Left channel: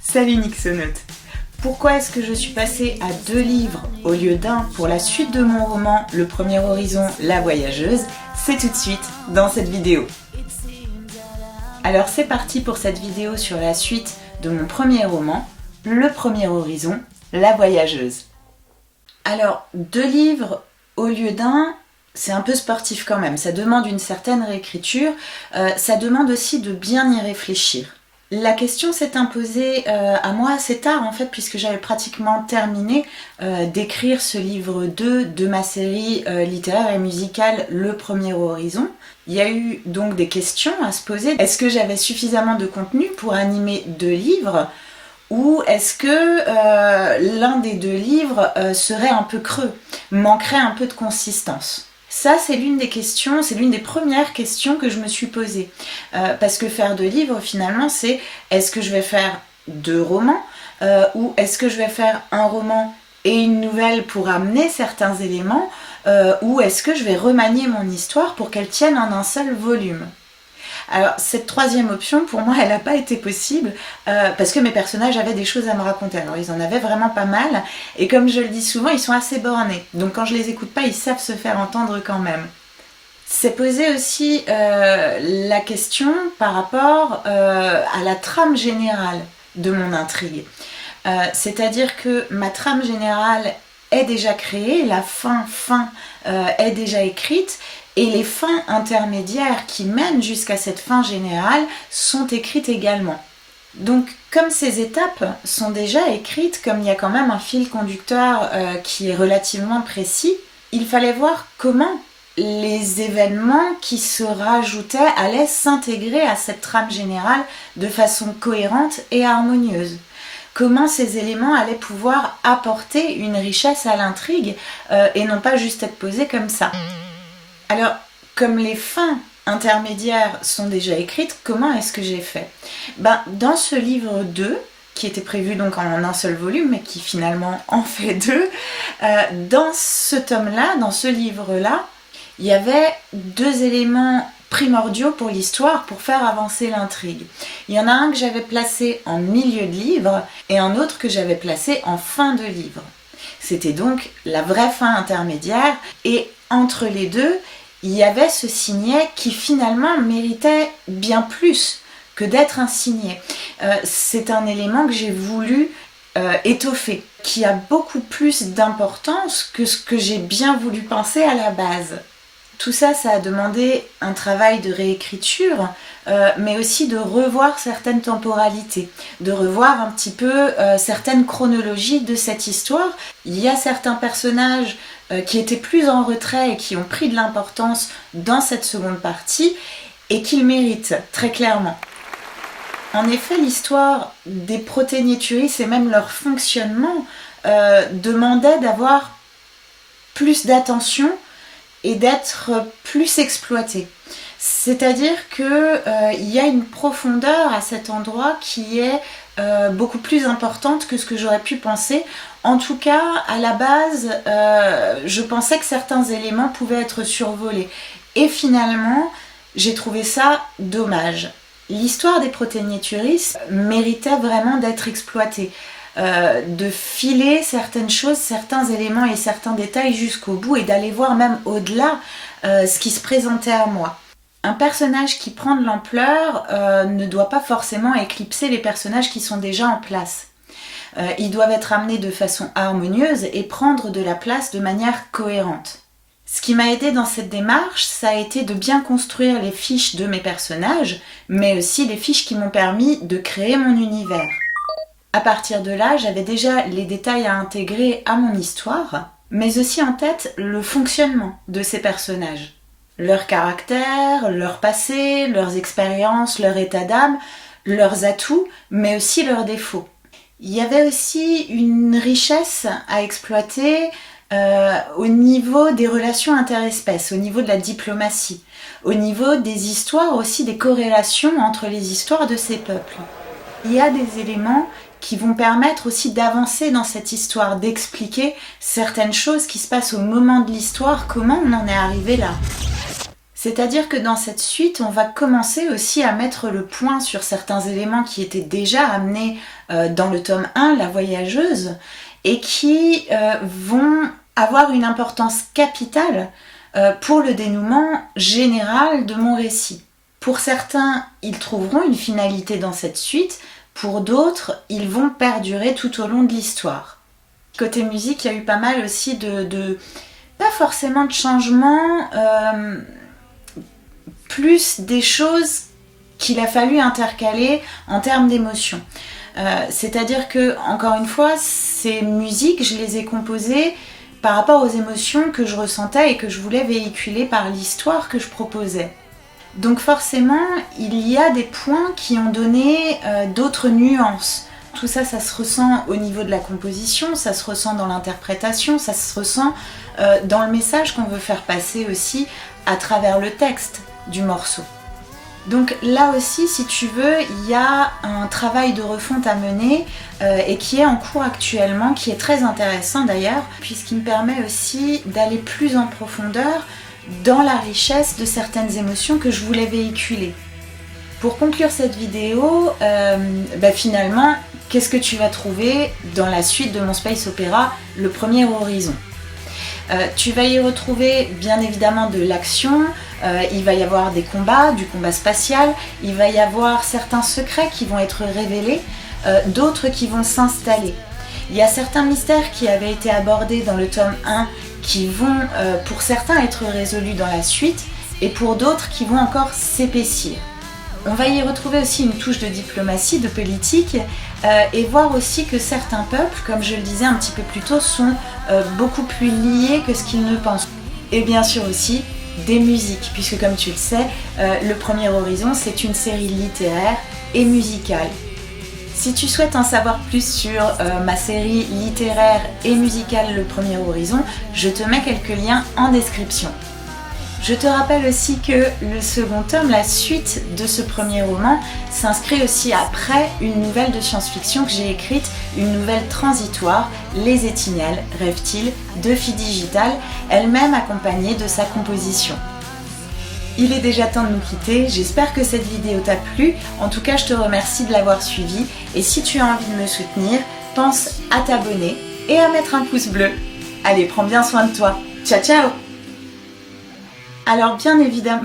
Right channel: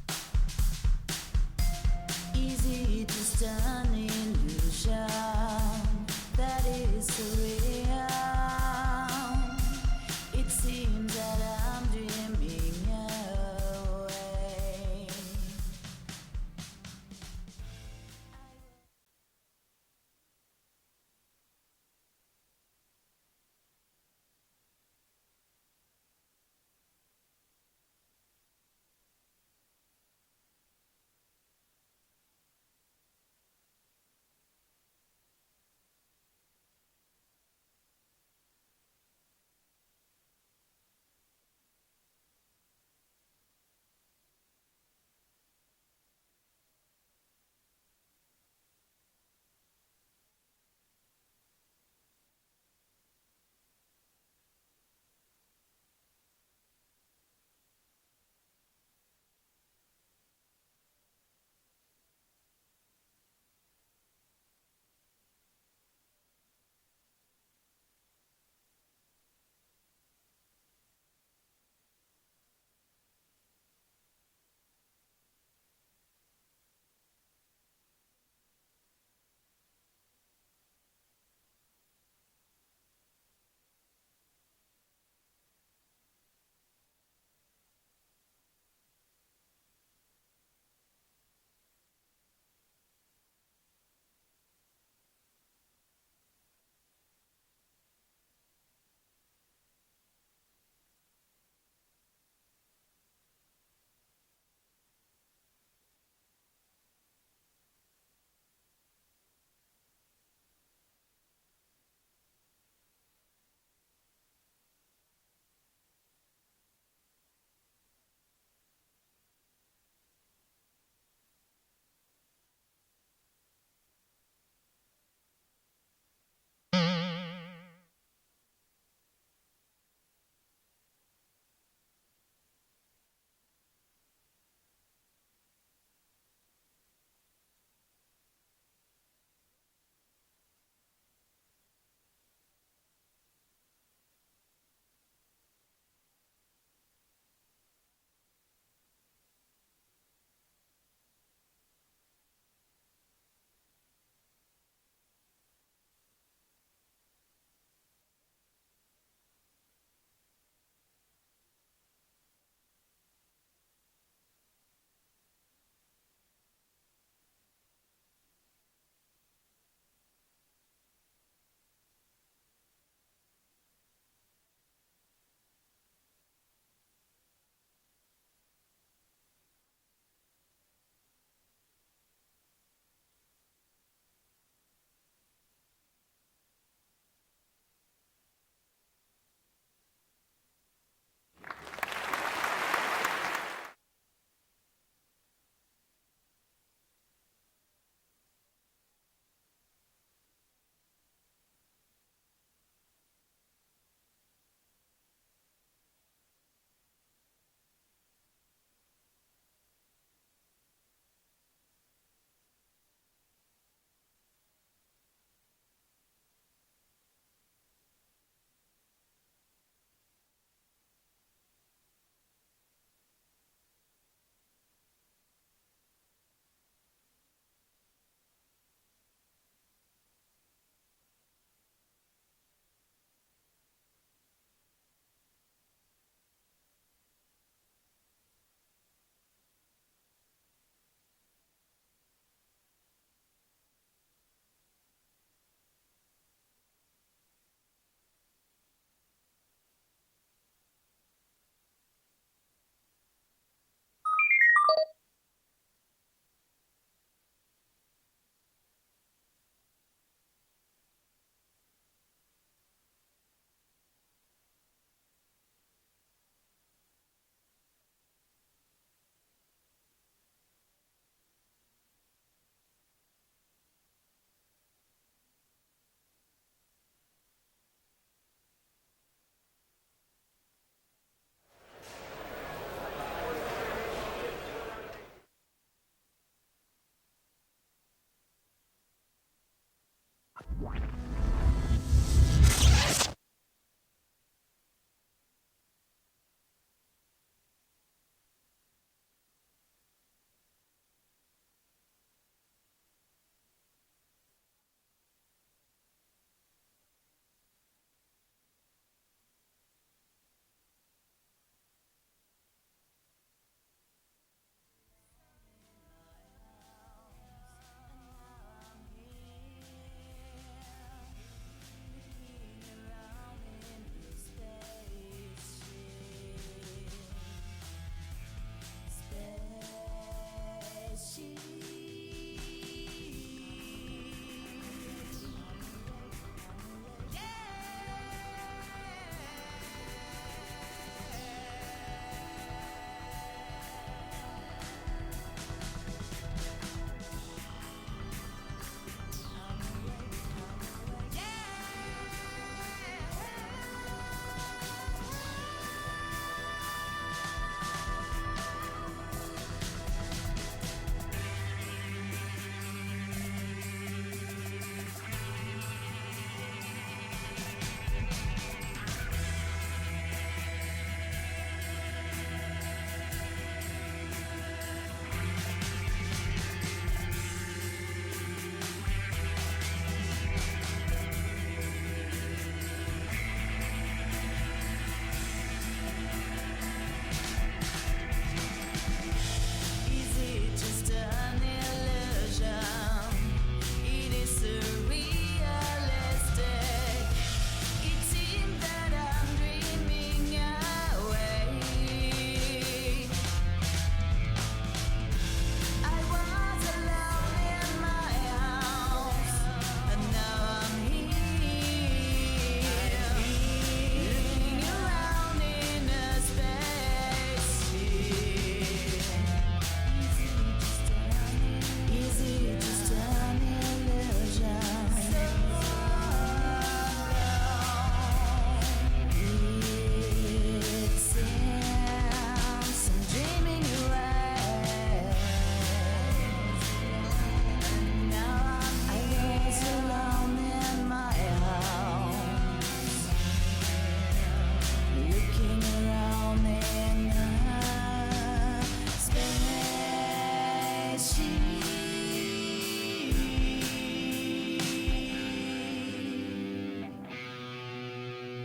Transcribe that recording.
Salut Nixonaute. Pourquoi est-ce que je suis passée à 2 livres au lieu d'un pour la suite de mon roman Le Premier Horizon, La Voyageuse? C'est tout de suite dans cette vidéo. Alors c'est parti pour cette vidéo sur la suite de mon premier roman, Le Premier Horizon, La Voyageuse. Alors 2 livres au lieu d'un, c'est un peu sportif quand même, ça demande une certaine réécriture, ça demande aussi de bien y réfléchir. La question s'est imposée à moi assez tard en fait, puisque j'avais pratiquement terminé d'écrire ce livre 2 de ma série littéraire et musicale Le Premier Horizon. Il y a eu donc des questions à se poser. Est-ce que j'avais suffisamment de contenu pour animer 2 livres? Ou est-ce que l'un des 2 livres serait un peu creux, manquerait un peu de consistance? Ça, c'est l'une des questions, c'est l'une des premières questions que je me suis posée. Parce que faire 2 livres, finalement, c'est est-ce que je vais faire 2 romans ou est-ce que je vais faire un roman et une nouvelle pour amener certains éléments ou est-ce que je vais remanier mon histoire pour qu'elle tienne en un seul volume? Alors cette 3e option pour moi elle n'a pas été possible parce que mes personnages avaient des choses à me raconter. Alors ils en avaient vraiment pas mal et comme je le dis souvent ils sont assez bornés, donc quand je les écoute pas ils savent se faire entendre quand même. C'est posé aussi la question par rapport à la trame générale de mon intrigue. C'est-à-dire que ma trame générale est déjà créée, la fin est déjà écrite et les fins intermédiaires qui mènent jusqu'à cette fin générale sont écrites également. Donc comme ces étapes sont déjà écrites, comme il y a quand même un fil conducteur qui est relativement précis, il fallait voir comment les événements qui se rajoutaient allaient s'intégrer à cette trame générale de façon cohérente et harmonieuse. Comment ces éléments allaient pouvoir apporter une richesse à l'intrigue et non pas juste être posés comme ça. Alors, comme les fins intermédiaires sont déjà écrites, comment est-ce que j'ai fait? Dans ce livre 2, qui était prévu donc en un seul volume, mais qui finalement en fait 2, dans ce tome-là, dans ce livre-là, il y avait 2 éléments primordiaux pour l'histoire, pour faire avancer l'intrigue. Il y en a un que j'avais placé en milieu de livre et un autre que j'avais placé en fin de livre. C'était donc la vraie fin intermédiaire et entre les deux, il y avait ce signet qui finalement méritait bien plus que d'être un signet. C'est un élément que j'ai voulu étoffer, qui a beaucoup plus d'importance que ce que j'ai bien voulu penser à la base. Tout ça, ça a demandé un travail de réécriture, mais aussi de revoir certaines temporalités, de revoir un petit peu certaines chronologies de cette histoire. Il y a certains personnages qui étaient plus en retrait et qui ont pris de l'importance dans cette seconde partie et qu'ils méritent très clairement. En effet, l'histoire des Proténéturis et même leur fonctionnement demandait d'avoir plus d'attention et d'être plus exploité. C'est-à-dire qu'il y a une profondeur à cet endroit qui est beaucoup plus importante que ce que j'aurais pu penser. En tout cas, à la base, je pensais que certains éléments pouvaient être survolés. Et finalement, j'ai trouvé ça dommage. L'histoire des Proténéturis méritait vraiment d'être exploitée. De filer certaines choses, certains éléments et certains détails jusqu'au bout et d'aller voir même au-delà ce qui se présentait à moi. Un personnage qui prend de l'ampleur ne doit pas forcément éclipser les personnages qui sont déjà en place. Ils doivent être amenés de façon harmonieuse et prendre de la place de manière cohérente. Ce qui m'a aidé dans cette démarche, ça a été de bien construire les fiches de mes personnages, mais aussi les fiches qui m'ont permis de créer mon univers. À partir de là, j'avais déjà les détails à intégrer à mon histoire, mais aussi en tête le fonctionnement de ces personnages. Leur caractère, leur passé, leurs expériences, leur état d'âme, leurs atouts, mais aussi leurs défauts. Il y avait aussi une richesse à exploiter au niveau des relations interespèces, au niveau de la diplomatie, au niveau des histoires aussi, des corrélations entre les histoires de ces peuples. Il y a des éléments qui vont permettre aussi d'avancer dans cette histoire, d'expliquer certaines choses qui se passent au moment de l'histoire, comment on en est arrivé là. C'est-à-dire que dans cette suite, on va commencer aussi à mettre le point sur certains éléments qui étaient déjà amenés dans le tome 1, La Voyageuse, et qui vont avoir une importance capitale pour le dénouement général de mon récit. Pour certains, ils trouveront une finalité dans cette suite, pour d'autres, ils vont perdurer tout au long de l'histoire. Côté musique, il y a eu pas mal aussi pas forcément de changements, plus des choses qu'il a fallu intercaler en termes d'émotion. C'est-à-dire que, encore une fois, ces musiques, je les ai composées par rapport aux émotions que je ressentais et que je voulais véhiculer par l'histoire que je proposais. Donc forcément, il y a des points qui ont donné d'autres nuances. Tout ça, ça se ressent au niveau de la composition, ça se ressent dans l'interprétation, ça se ressent dans le message qu'on veut faire passer aussi à travers le texte du morceau. Donc là aussi, si tu veux, il y a un travail de refonte à mener et qui est en cours actuellement, qui est très intéressant d'ailleurs, puisqu'il me permet aussi d'aller plus en profondeur dans la richesse de certaines émotions que je voulais véhiculer. Pour conclure cette vidéo, finalement, qu'est-ce que tu vas trouver dans la suite de mon space opéra, Le Premier Horizon ? Tu vas y retrouver bien évidemment de l'action, il va y avoir des combats, du combat spatial, il va y avoir certains secrets qui vont être révélés, d'autres qui vont s'installer. Il y a certains mystères qui avaient été abordés dans le tome 1 qui vont pour certains être résolus dans la suite et pour d'autres qui vont encore s'épaissir. On va y retrouver aussi une touche de diplomatie, de politique et voir aussi que certains peuples, comme je le disais un petit peu plus tôt, sont beaucoup plus liés que ce qu'ils ne pensent. Et bien sûr aussi des musiques, puisque comme tu le sais, Le Premier Horizon c'est une série littéraire et musicale. Si tu souhaites en savoir plus sur ma série littéraire et musicale Le Premier Horizon, je te mets quelques liens en description. Je te rappelle aussi que le second tome, la suite de ce premier roman, s'inscrit aussi après une nouvelle de science-fiction que j'ai écrite, une nouvelle transitoire, Les Étinelles, rêve-t-il, de Filles Digitales, elle-même accompagnée de sa composition. Il est déjà temps de nous quitter, j'espère que cette vidéo t'a plu, en tout cas je te remercie de l'avoir suivie et si tu as envie de me soutenir, pense à t'abonner et à mettre un pouce bleu. Allez, prends bien soin de toi, ciao ciao. Alors bien évidemment...